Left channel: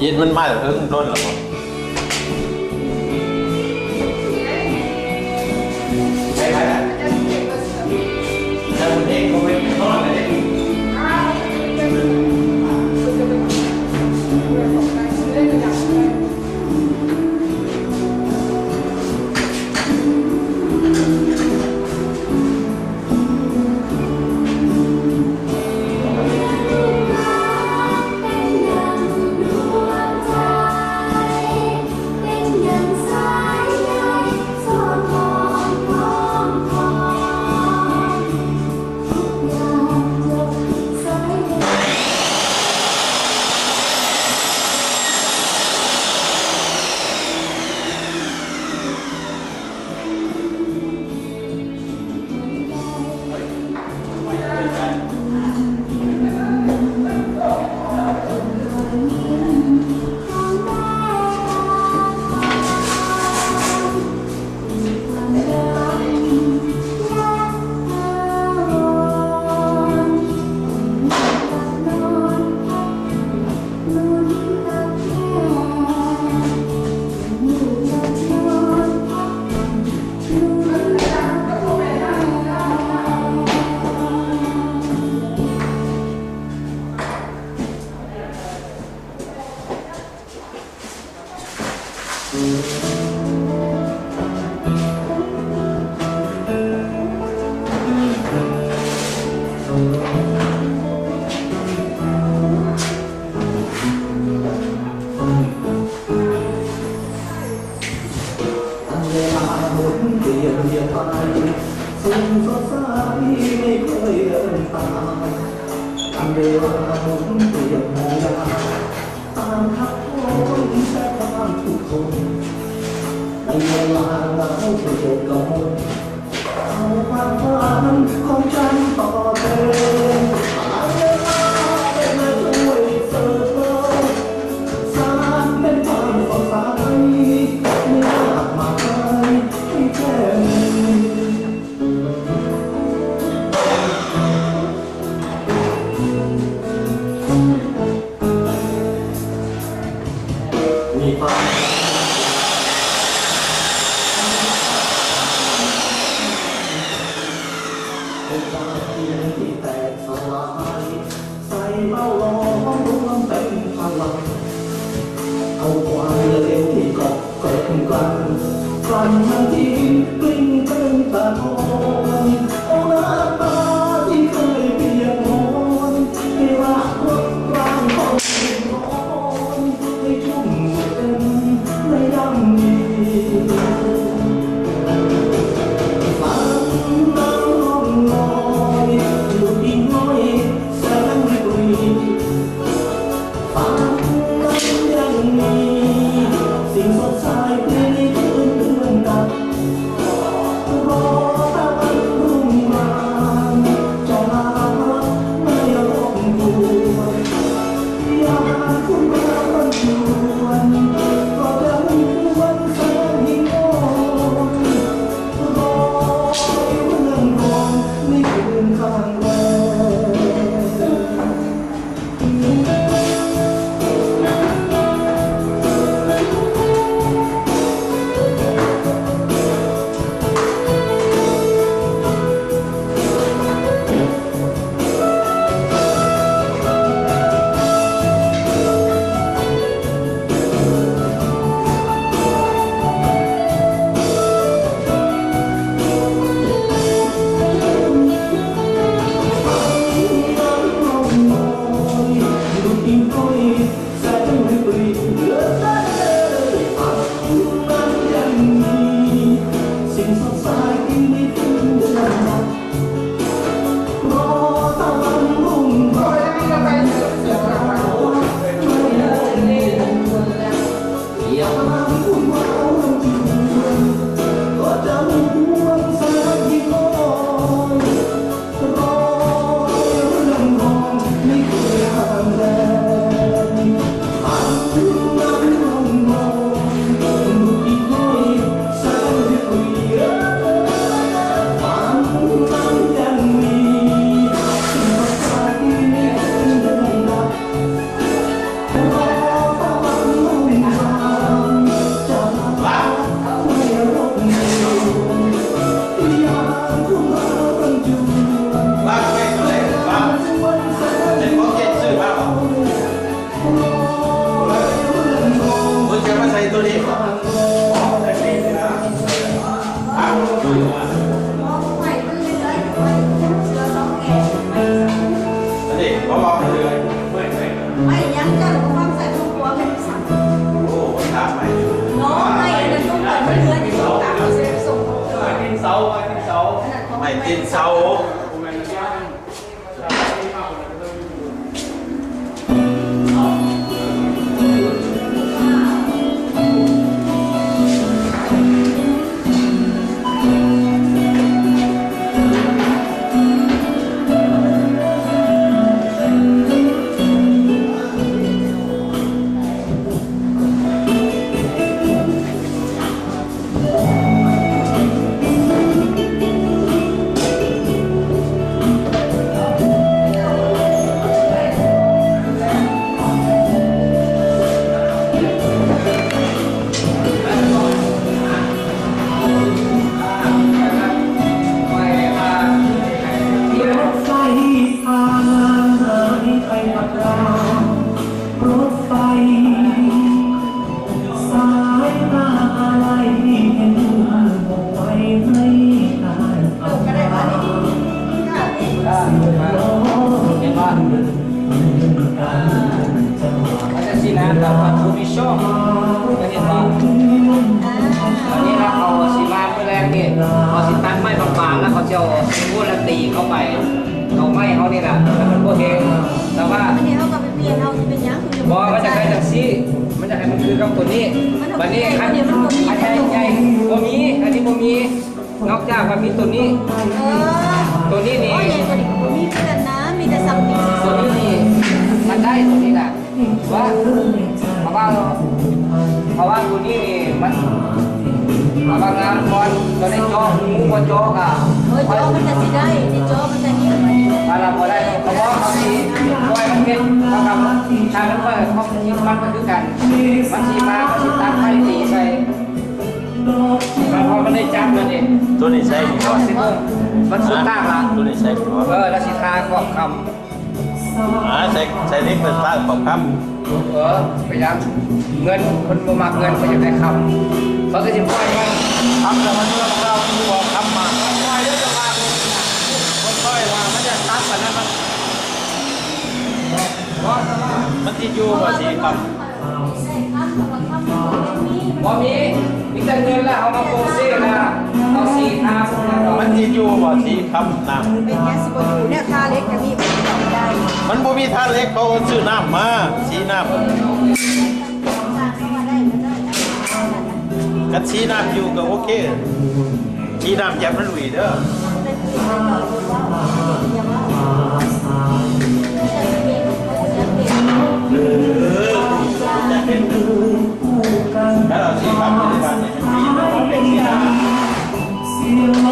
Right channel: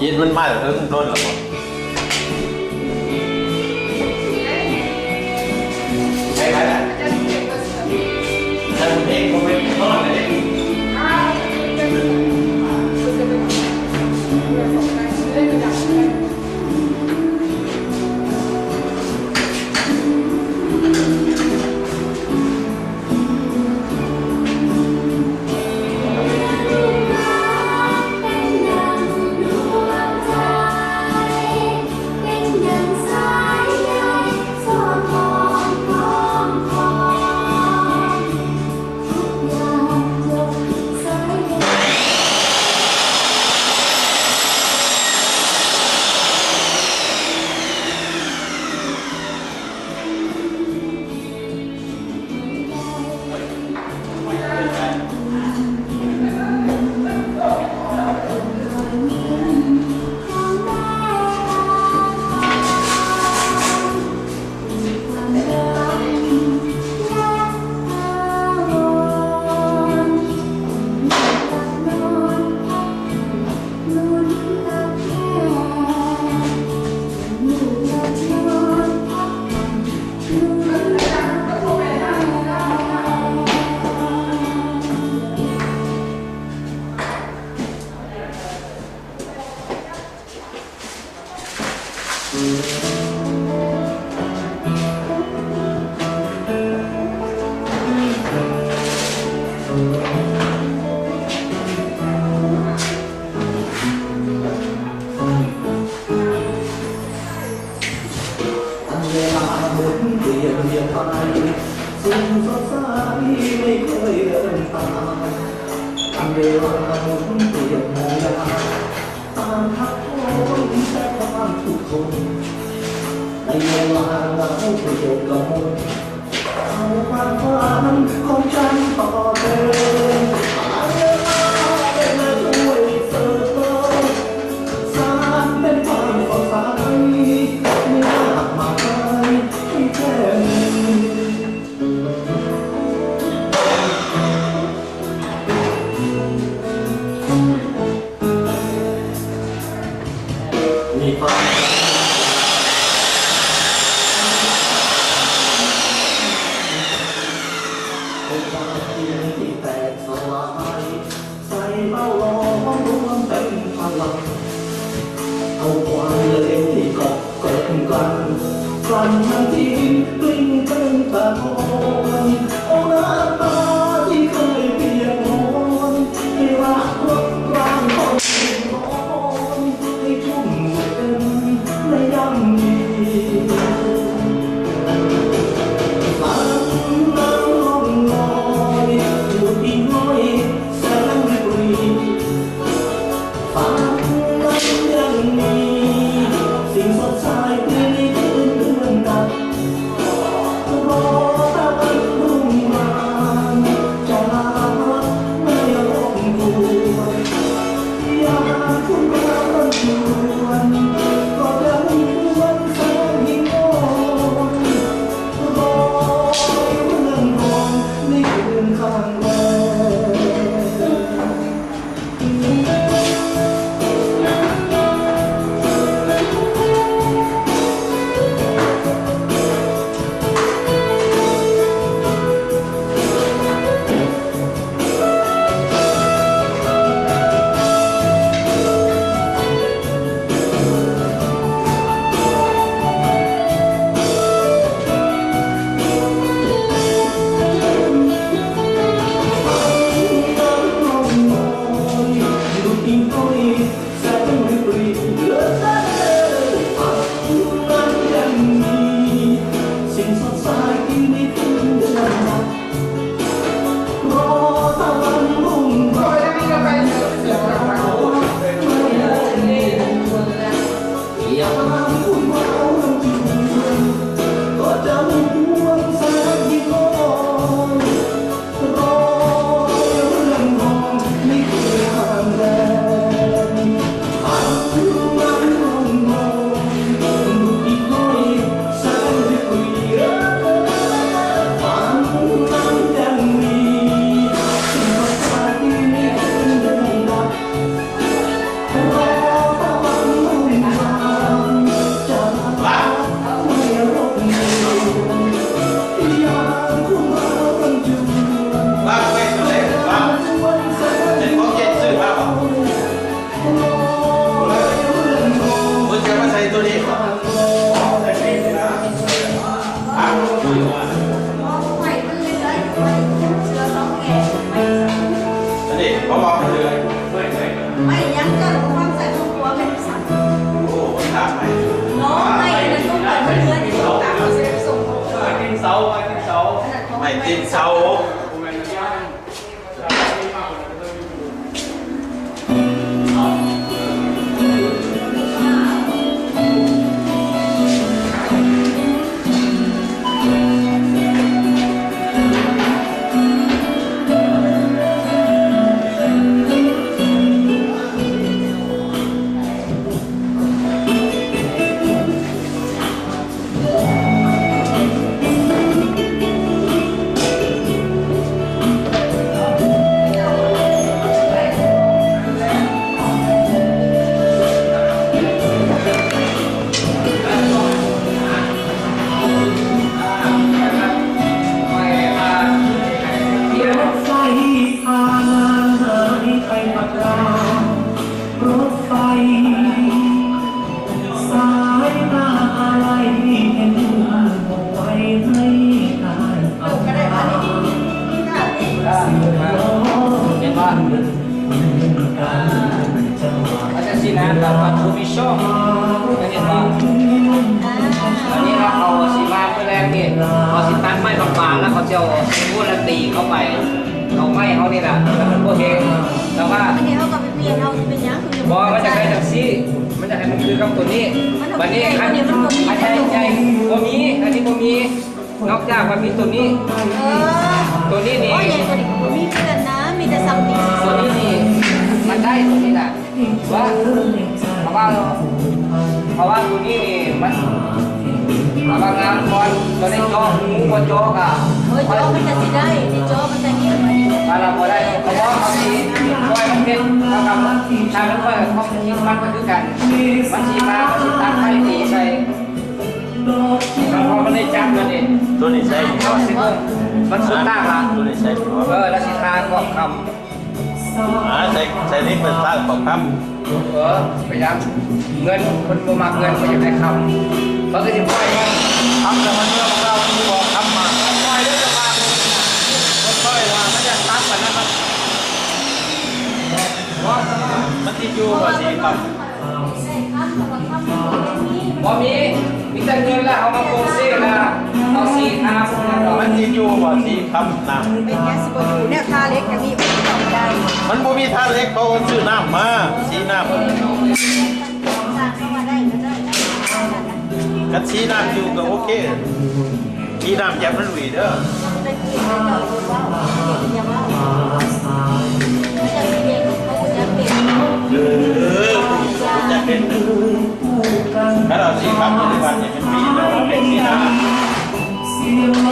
เย็นมันมาแต่เพิ่งร่นหรอครับใช่ไหมล่ะแต่ผมเองก็ไม่ทอดเลยเวลาหมุนเปลี่ยนไปสุขสดใสไม่เคยเดินตามอันเวลาหมุนเปลี่ยนหมุนตามทักโคนแต่ความทุกคนในเวลาเหงาเปลี่ยนก็หมดเอาความฝันของฉันต่อเดินเวลาเป็นมาช่วยเสริมสารเป็นความสดใสไม่ยากมากให้แค่มีความเป็นความจริงที่แตกสลายใส่เบ้าหลอมรวมเป็นพลังเอาความเลวที่เกาะเกิดกันกลั่นมันทิ้งกลิ้งเป็นตะโกนโอ้น้ำตาที่เคยเปียกมอนให้รักรบร่างคนร้อนให้ชุ่มเต็มไม่ย่ำยีฝันน้ำลมลอยหยุดอีกน้อยแสงปรีฝันนั้นยังมีสิ่งสดใสในคืนเดือนดับรอตะวันรุ่งมาจะลาไม่รบกวนอยากคุณรักชวนก็ยังควรแสนยิ่งอ่อนรอเรื่องรองในคืนข้างแรม ตีนเสานอกจากมันมีตัวนี้ตัวนี้นี่มีเพื่อนนะมีแต่ซัมติงตัวนี้นี่มันได้ตัวนี้แหละว่าเพราะว่าตัวนี้นี่มันบางงานก่อนตอนนี้โจ๊กงูก็โจ๊กอ่ะโจ๊กมันจะสิได้ในโจ๊กมันจะเงี้ยอะไรพอได้เพราะว่าเขาทีปล่อยมันเป็นเขาทำทางนั้นก็เขาคิดมันก็คือกันมันชีมามันชีตั้งให้ตีใส่พอมันได้จับมันเองตัวนี้ใช่ก็สิมันสุดตั้งละตัวนี้ใช่แล้วสิทางบอกคำใช่นี่เป็นทางบอกคำพยายามเงินคนบ่มักเงินก็อยากได้คำเขาก็จะปล่อยมันคำแต่มันเรื่องเราบอกคำมาปล่อยแล้วจะมาปล่อยว่ามันจะตัดกันนะครับมันติดอยู่ว่าสิคำบ่มีแต่เงินละเอามาโปรเซ่ละเอาสีทามันติดอยู่ว่าสิคำน้ำเป็นแค่สิบอยู่เนี่ยทาเล็กอย่างนี้มันต่อได้มันบ่มีทาเล็กเขาซื้อน้ำมาสีน้ำกัดสีน้ำอยู่ก็โอเคสีน้ำแยบมันหวีเด้อจะเป็นถ้าเราสีคำปัจจุบันเนี่ยมันมีแต่ว่าเป็นสีน้ำ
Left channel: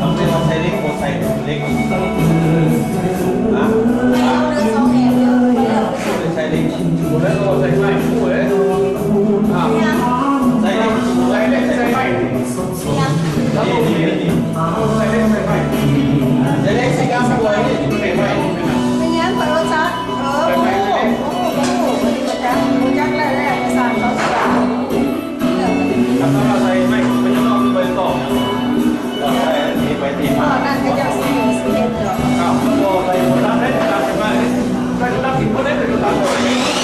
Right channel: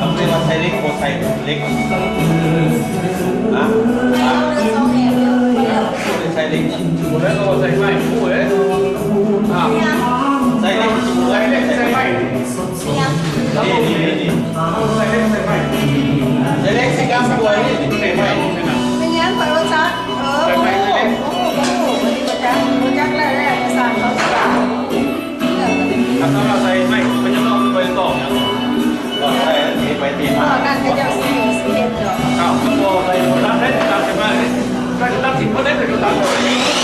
ต้องเป็นเราใช้เล็กโคใส่เล็กใส่เล็กหมดแล้วก็ใส่ไฟหมดเลยใส่เล็กใส่เล็กใส่ไฟนี่ใส่เล็กใส่ไฟใส่เล็กสีกำตัวนี่ใส่ไฟไม่งั้นปล่อยว่าซัดใส่ไฟใส่เล็กจักแรกๆสั่งเขาสั่งถ้าเราใส่ไม่มันจะต้องไปต่อต่อใส่ตีไปตีมานั่นก็จะสีเห็ดเหรออ้าวก็ใส่คนรับได้ตามใช่ไหมใส่รับสิ่งคนได้เป็นตามตัวนี้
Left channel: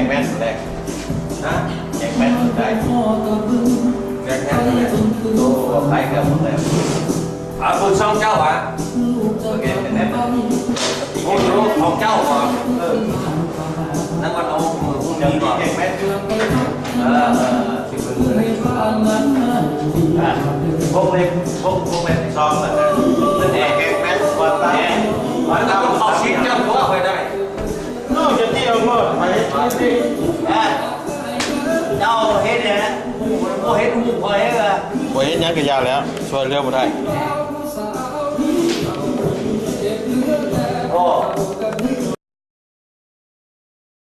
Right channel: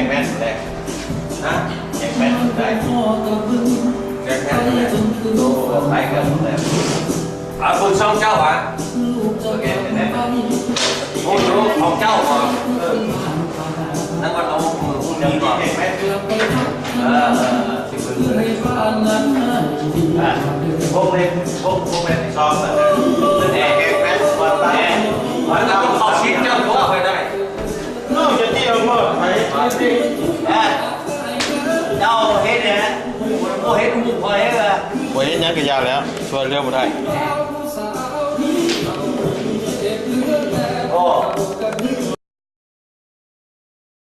งแม่นแรกนะแกงแม่นได้แกงแม่นได้โอ้ใครกันแล้วบุญช่องเจ้าอ่ะโอเคแม่โอ้รู้ของเจ้าเหรอนั่งวันเอาจะมีแกงแม่นสิบมือเลยพวกเล็กพวกแม่ชอบแบบนั้นแกงแม่นวันตายวันนั้นเขาชิ้นเจ้าตัวไปได้นอกจากที่เราหมดไปเจ้าเฮ็ดเนี่ยโอ้เฮ็ดมุกพอเฮ็ดเลยโอ้เฮ็ดยังก็ยาวแล้วช่วยเรื่องมาได้